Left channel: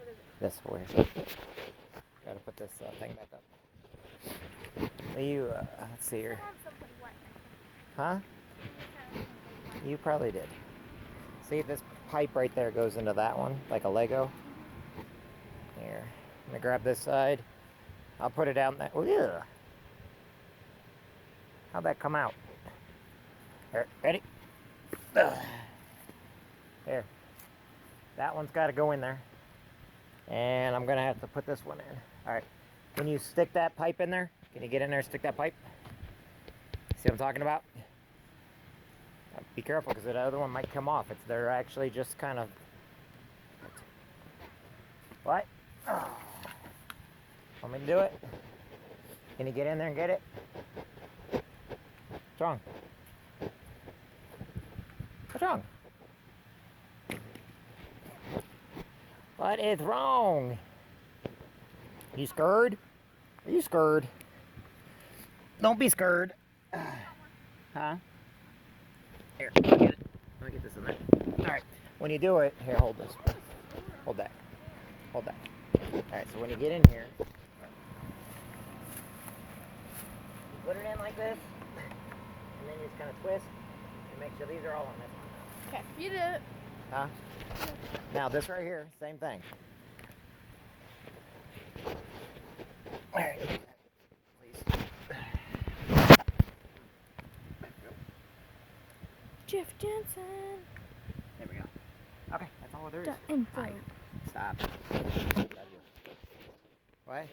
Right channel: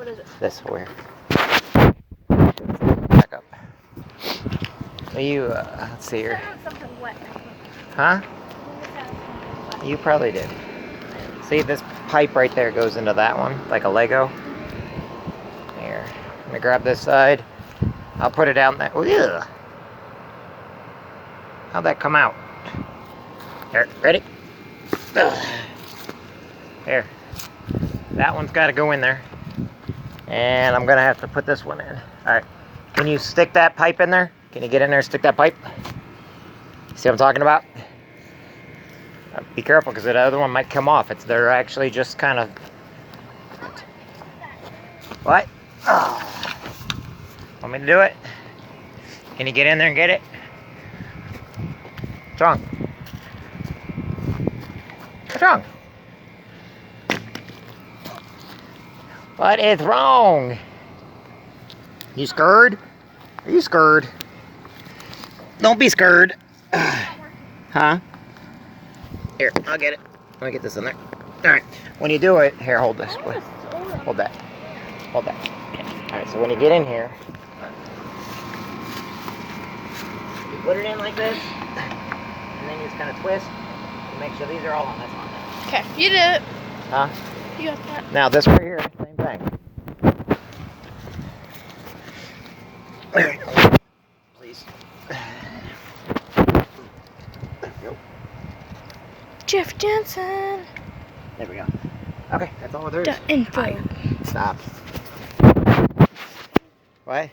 What is it? This where. Back up. You, let's see here. Something wet. Huh? You probably did. See, this pipe right there goes into that one, like a Lego. Here. I'm gonna grab this side. I'll put it down there. Ugh. How'd that come out? Here, ready? Ugh. Here. That one's got to go in there. And I'm gonna have to put this one in. Alright. Can you stick that pipe in there? Can you get in there and stick that pipe? See what I'm talking about? Be careful, because the other one might come off. They're actually just kind of... What? Oh. Want me to do it? Can you get in there and get it? What's wrong? What's wrong? What is wrong? You scared? Are you scared? Don't be scared. Huh? Here, I'll get it. Let me get this in there. Alright. When you do it, here, hold this. Hold that. Hold that. Alright, so when you get in here, you put it in like this, and then you just kind of twist to make sure these are all on this one. Okay, you did it. Huh? You got that. Now, this right here, same thing. Please. Jeff Jansen. There we go. Okay, that's all there is. The info. Stop. What?